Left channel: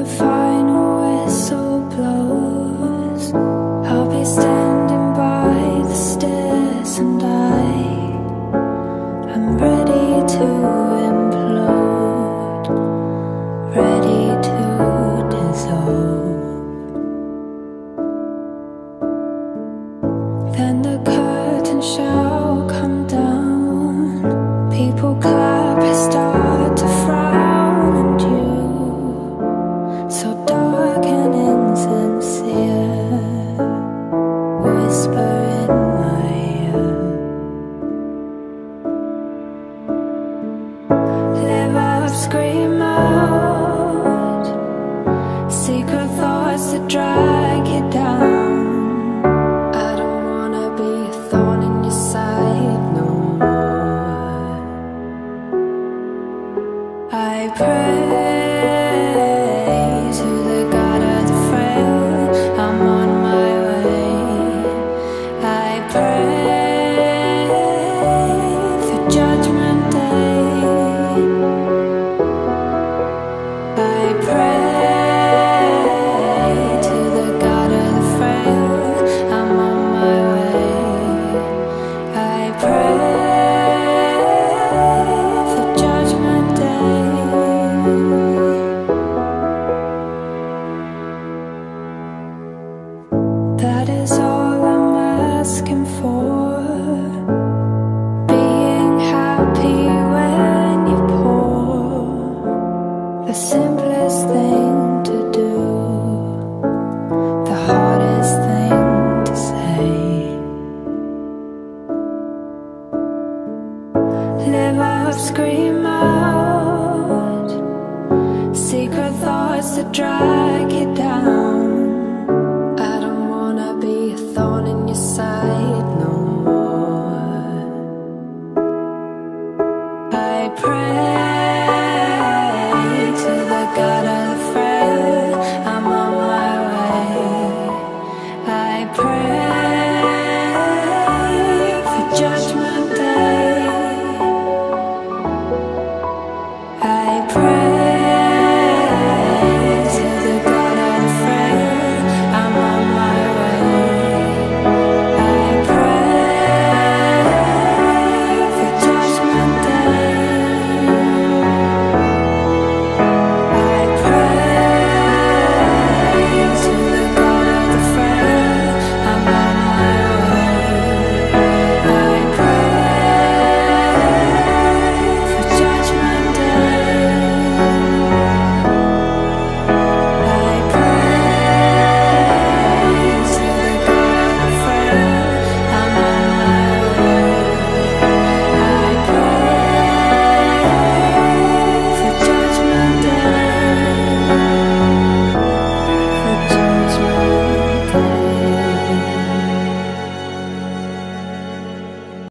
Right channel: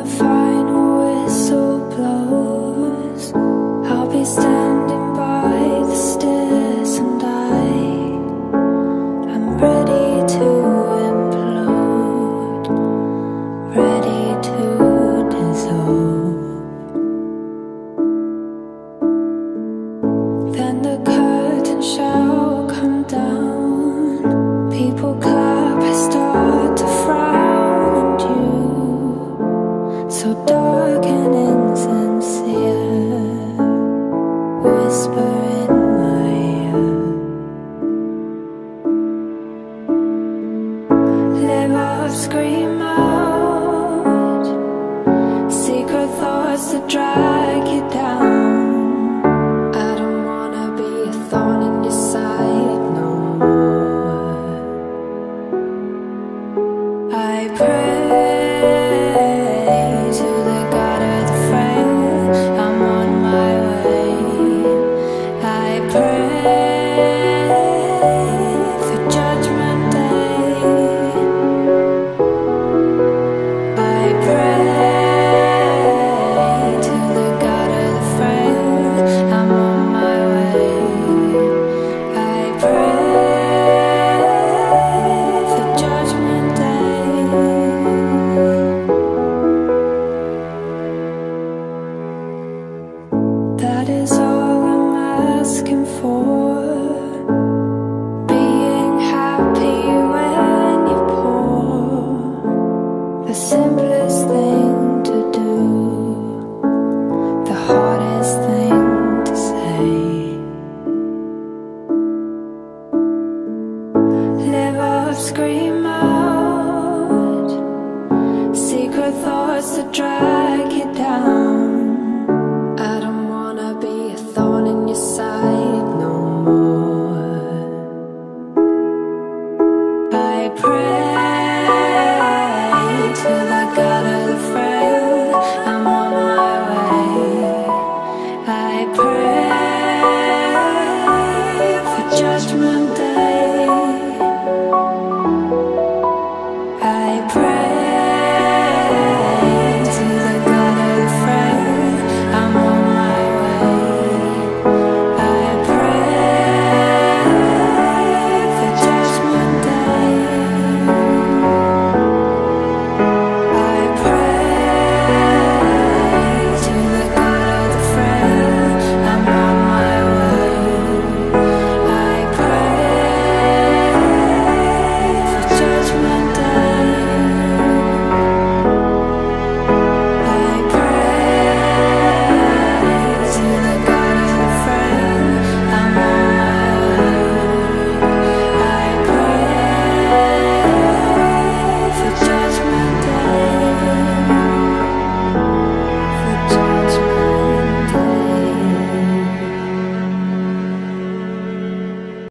the final whistle blows, I'll be standing by the stairs, and I'm ready to implode, ready to dissolve. Then the curtain shall come down, people clap, I start to frown, and you, so dark and insincere, whisper in my ear. Live up, scream out, secret thoughts that drag you down. I don't wanna be a thorn in your side no more. I pray to the God of the frail, I'm on my way. I pray for Judgment Day. I pray to the God of the frail, I'm on my way. I pray for Judgment Day. That is all I'm asking for, being happy when you're poor, the simplest thing to do, the hardest thing to say. Live up, scream out, secret thoughts that drag you down. I don't wanna be a thorn in your side no more. I pray to the God of the frail, I'm on my way. I pray for Judgment Day. I pray